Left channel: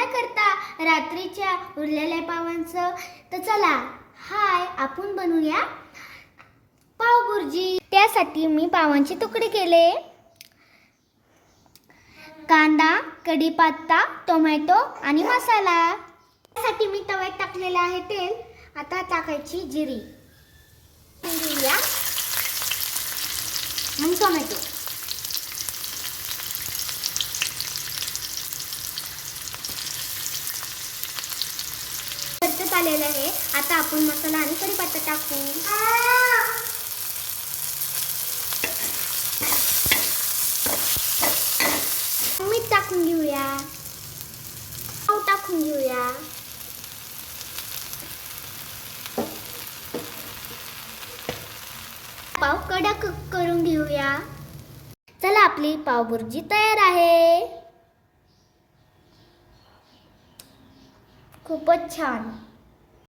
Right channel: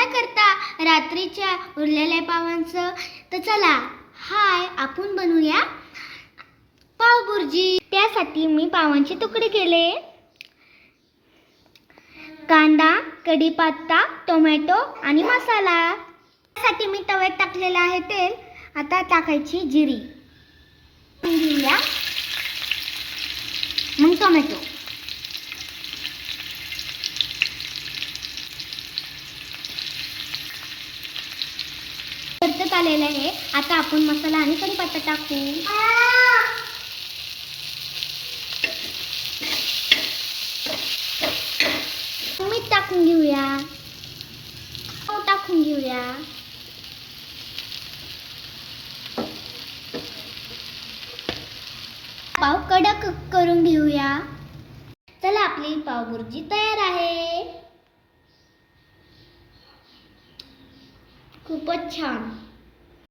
काय करता? रात्रीच्या उरलेल्या पावांचं? तर चला हाय आपण बनवूया पाव बुर्जी त्यासाठी मी पावांचे तुकडे केले. कांदा कढीपत्ता टोमॅटो आणि मसाला. त्यासाठी मी तव्यात टाकलेलं आहे तेल. आता टाकायची जिरी. घेऊया मग टोमॅटो. परतत आलेलं आहे. आता आपण मसाला आणि कढीपत्ता टाकू. मीठ टाकून घेऊया. पाव टाकून घेऊया. पाव कडक करून घेऊया. चला आपली पावभुर्जी तयार आहे. खूपच छान.